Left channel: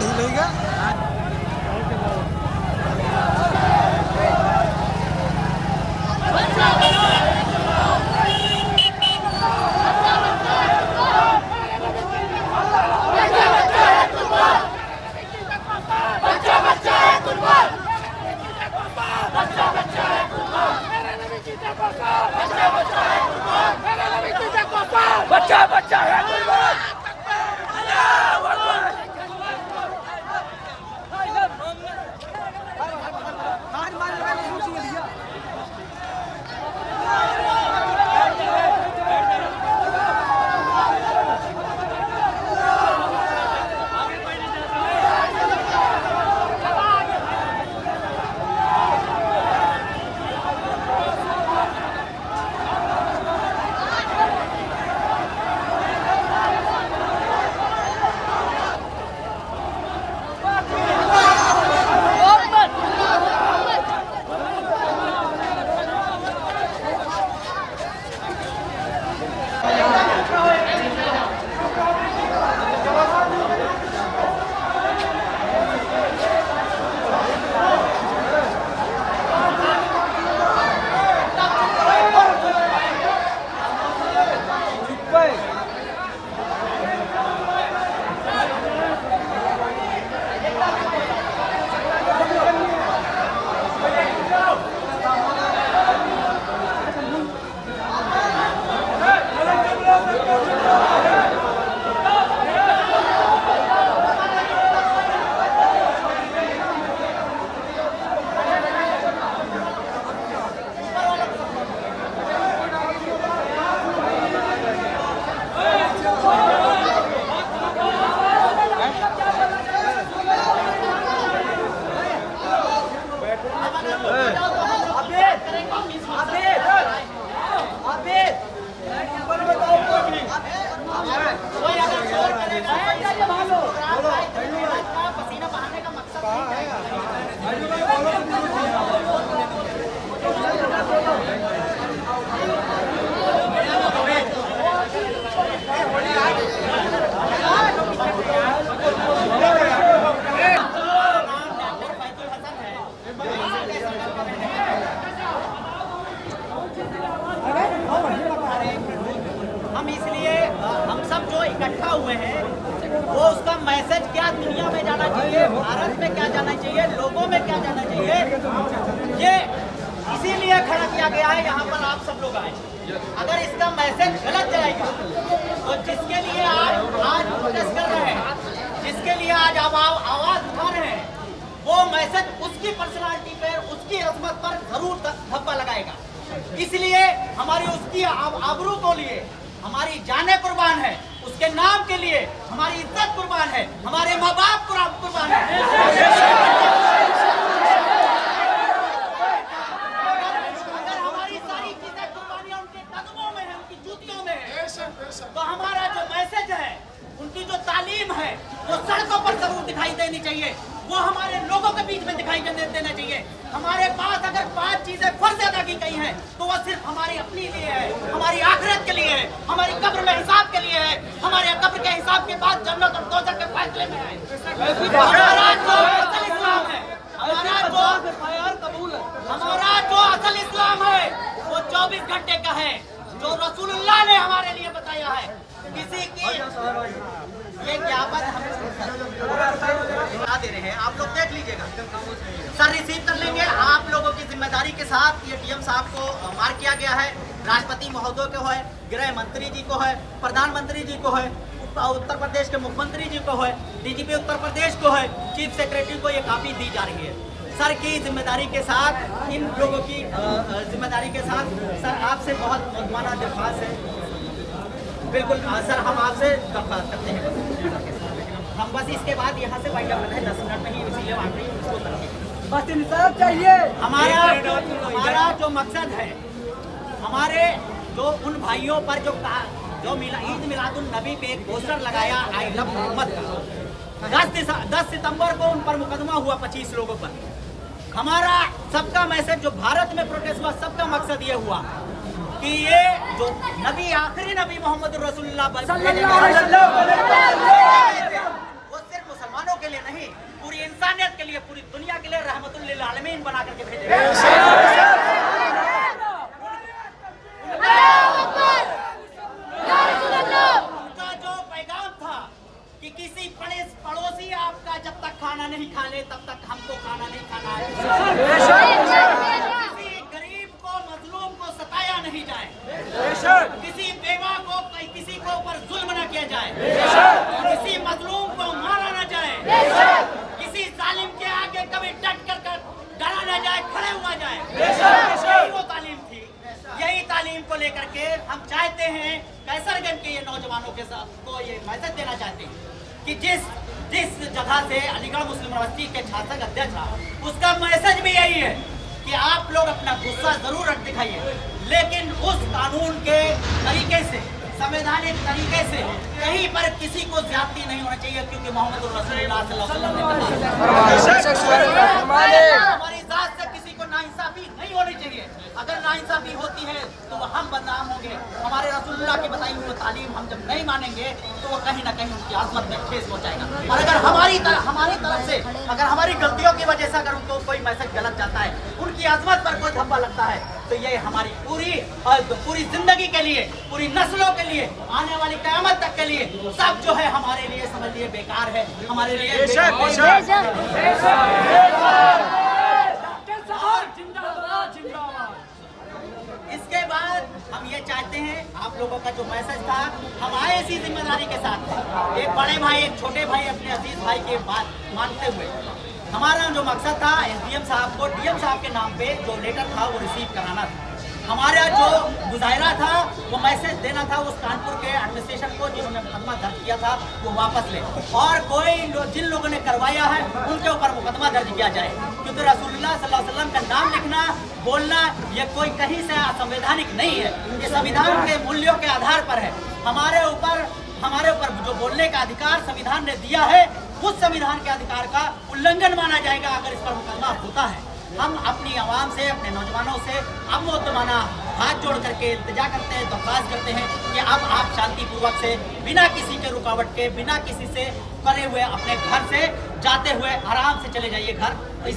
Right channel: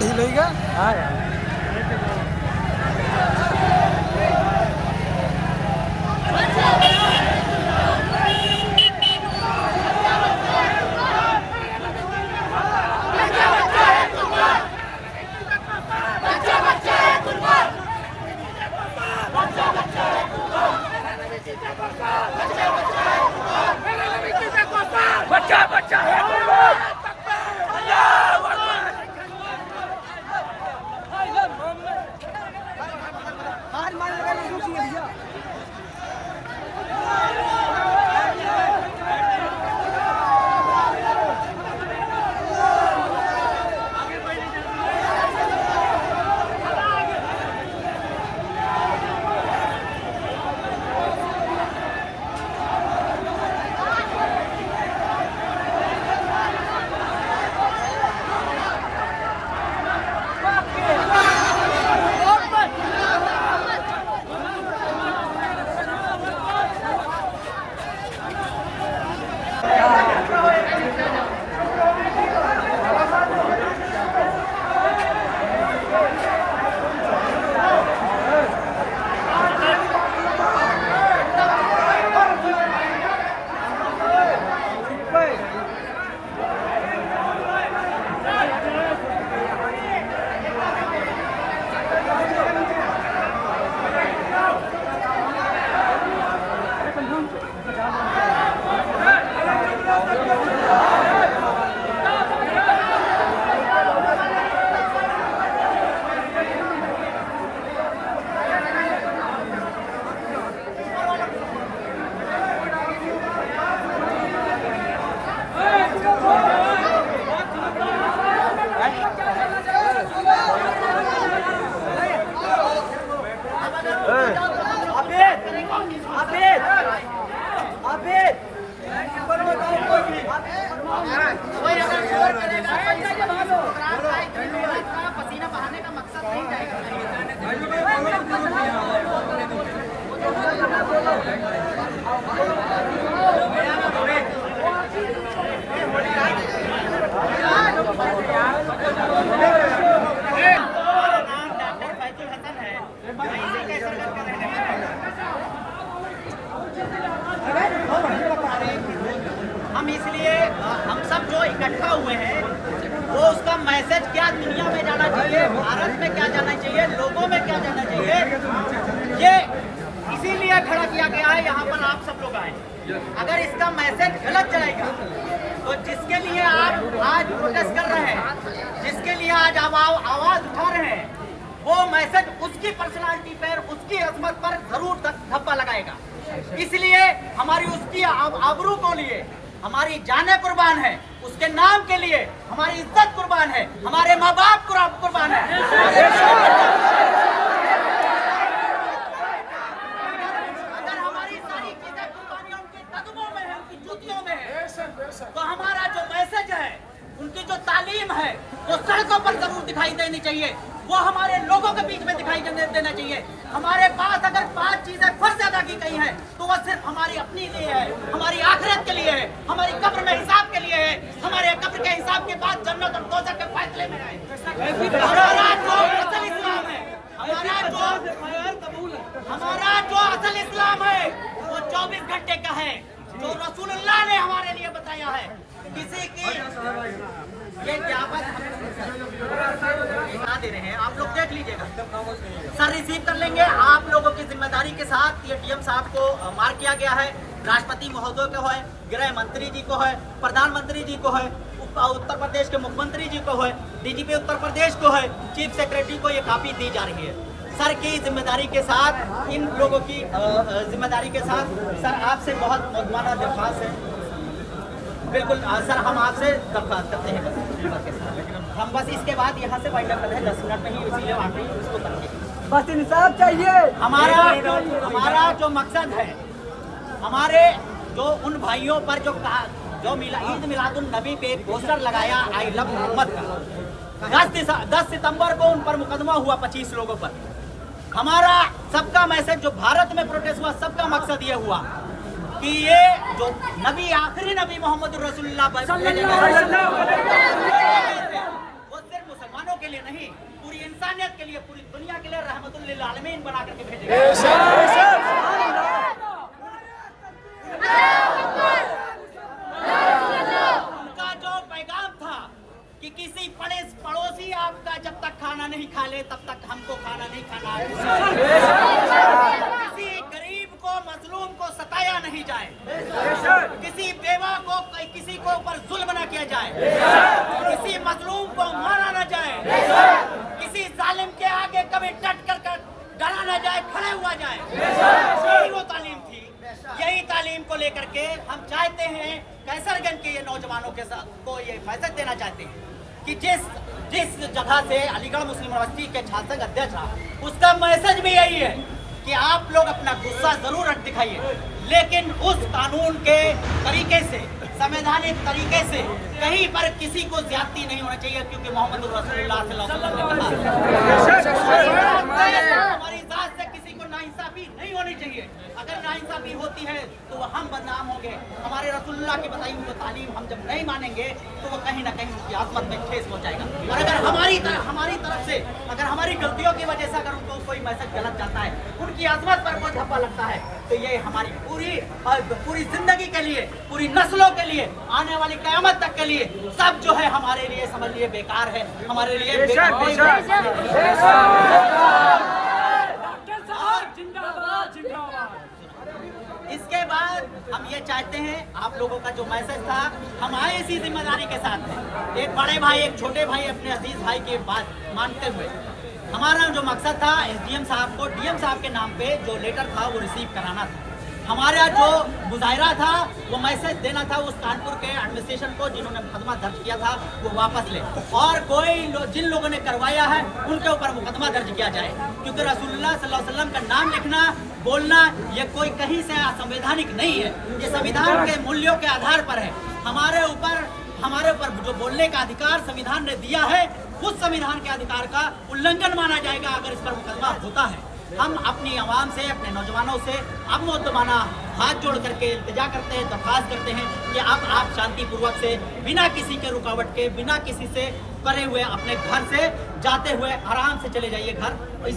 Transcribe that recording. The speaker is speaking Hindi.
ढीलेगा। बच्चा बच्चा है पसीना बहाने का मकसद नहीं हम इसलिए हम सब जो इकट्ठा हुए हैं वो उसका मैसेज क्या दुनिया में जाना चाहिए, भारत में क्या जाना चाहिए, लोगों में क्या जाना चाहिए, ये इसीलिए खड़ा किया गया है। यहाँ पर आप सब लोग आए। अगर इसका मैसेज गलत जाएगा तो जिसके लिए आप आज प्रोटेस्ट कर रहे हैं, जिसके लिए आज आवाज उठा रहे हैं, वो मैसेज उसकी पर्सनालिटी पर, उसकी अजमत पर जरूर धब्बा लगाएगा। इसलिए हमारी उसकी आबरू को लिए हमारी जाने कुर्बान है, उसके नाम के लिए हमारी इज्जत कुर्बान है, हमारे माँ बाप कुर्बान है। अगर हमारी सारी चीजें कुर्बानियां उनके कदमों में है, उनकी जूतियों में है, तो हमारा जो मैसेज है, उनकी जो तालीम है, वो सड़कों पर जरूर दिखाई देनी चाहिए, वो हमारे लोगों के बीच में दिखाई देना चाहिए। हमारे पास अगर 5 चीजें फर्ज अदा की गई हैं, तो वह सिर्फ हमारी अपनी लिए है, हमारी आखिरत के लिए है, हमारी कब्र में हिसाब के लिए है, हमारे कब्र के हिसाब के बाद जन्नत और दोज़ख के फैसले में है। हमारा जो असल इस्लाम है, हमारा जो असल इस्लाम है, वो 24 घंटे का है, जो रसूलुल्लाह ने हमारे लिए बताया है। किसी की ये ज्ञापन हमें दे रहे हैं, आप लोग देख लीजिएगा, सर रिसीव कर लेंगे। आप लोगों की जिम्मेदारी के साथ ये डीएम साहब को मार्क किया गया है, राष्ट्रपति महोदय को है, गृह मंत्री जी को है, प्रधानमंत्री जी को है, उत्तर प्रदेश के मुख्यमंत्री जी को है, डीजीपी उत्तर प्रदेश को है, चीफ सेक्रेटरी को ये कापी दी जा रही है। सर की जिम्मेदारी के साथ, इन लोगों की जिम्मेदारी के साथ सर आपसे बहुत मुद्दाना दरख्वास्त है। बिल्कुल सर, हम आपसे दरख्वास्त करते हैं, हम बस इसके बाद यहाँ से वाइंड अप करते हैं 10 मिनट में ही, इसीलिए आखिरी इसको करके बस इंसाफ चाहिए। हमारा जो मकसद है, हमारे जो उन भाइयों पर जो ईद मिलादुन नबी पे एक पोस्टर लगाया आई लव मोहम्मद का, 10 सितंबर को उन पर मुकदमा हुआ 25 लोगों पर। हमारा सबका मैसेज जो भारत में प्रोटेस्ट हुआ, सबका मकसद ये हुआ कि ये जो नबी, आखिरी नबी मोहम्मद रसूलुल्लाह वो सिर्फ मुसलमानों के के लिए नहीं, पूरी इंसानियत के लिए, पूरी दुनिया के लिए रहमतुल लिल आलमीन बना करके भेजे। उनका जो पैगाम था कि किसी पड़ोसी आपका जब तक खाना नहीं खा ले तब तक हमको खाना नहीं खाना है। किसी गरीब को, मजलूम को सताया नहीं जाए, किसी बेवा को, किसी को ऊपर जुल्म न किया जाए, किसी मजलूम को मारा न जाए, किसी जालिम के आगे कभी डट कर डरा न जाए, खड़े हुआ जाए। यही वो तालीम थी। यही तालीम को लेकर के हम चाहते हैं कैसरगंज के ये नौजवानों के साथ को ये मैसेज देना चाहते हैं कि जिस जगह से अलीगढ़ मुस्लिम यूनिवर्सिटी के छात्र अध्यक्ष था, उसका मैसेज भी यही है कि आप लोग अपना गुस्सा जरूर दिखाइए, लेकिन उस कानून के तरीके से, संवैधानिक तरीके से कहीं पर किसी को ज्यादती नहीं होना चाहिए, क्योंकि मोहम्मद रसूलुल्लाह सल्लल्लाहु अलैहि वसल्लम ने कहा हमारी जात से किसी को नाइंसाफी नहीं होनी चाहिए। अगर नाइंसाफी होती है तो वह हम बदनाम होंगे। हमारे रसूलुल्लाह की बताई हुई तालीम हम जब नहीं मानेंगे तो वो कहीं ना कहीं उनकी आज़मत में ठेस पहुंचाएगा। और अगर हमारी तरफ से, अगर हमारी गलतियों की वजह से अगर उनको कोई मैसेज गलत जाता है, उनकी आज़मत पर कोई धब्बा लगता है, तो ये हमारी पूरी जिंदगी के लिए, पूरी नस्लों के लिए, आने वाली क़यामत तक के लिए सब जो है हमारे लिए समझ लिए बेकार है, हमारे लिए इसके बाद हम ये चाहते हैं, आप लोगों का जो मैसेज था, हम आए इसी जिम्मेदारी के साथ हैं। एक बड़े भाई, एक छोटे भाई, अपने अजीज भाई की बात मानते हुए हमारा जो मकसद था एसडीएम साहब को डीएम साहब के नाम पे जो लेटर था वो रिसीव कराना था। हमारा जो मुजाहिरा था वो मैसेज देना था उस कानपुर के एडमिनिस्ट्रेशन को जिन्होंने मुकदमा दर्ज किया था वो वापस ले, और जिन लोगों ने करवाया है उनके ऊपर मुकदमा दर्ज किया जाए, क्योंकि रसूलुल्लाह सल्लल्लाहु अलैहि वसल्लम का नाम लिखना, बोलना ये कोई कहीं से असंवैधानिक नहीं है। ये संविधान के मूल्यों के आधार पर है। हमारे ऊपर जो बोलने का अधिकार संविधान ने दिया है, उस संविधान के अधिकार का उल्लंघन माना जाएगा अगर इस पर मुकदमा होता है। हम अपनी आवाम से, अपने नौजवानों से अब मुद्दमाना हाथ जोड़ करके इल्तिजा करते हैं, दरख्वास्त करते हैं कि अब आप शांतिपूर्वक से, बिना किसी के रुकावट के, बिना किसी से करे हुए अपने घर से जाते हुए आराम से चले जाइए घर। इसी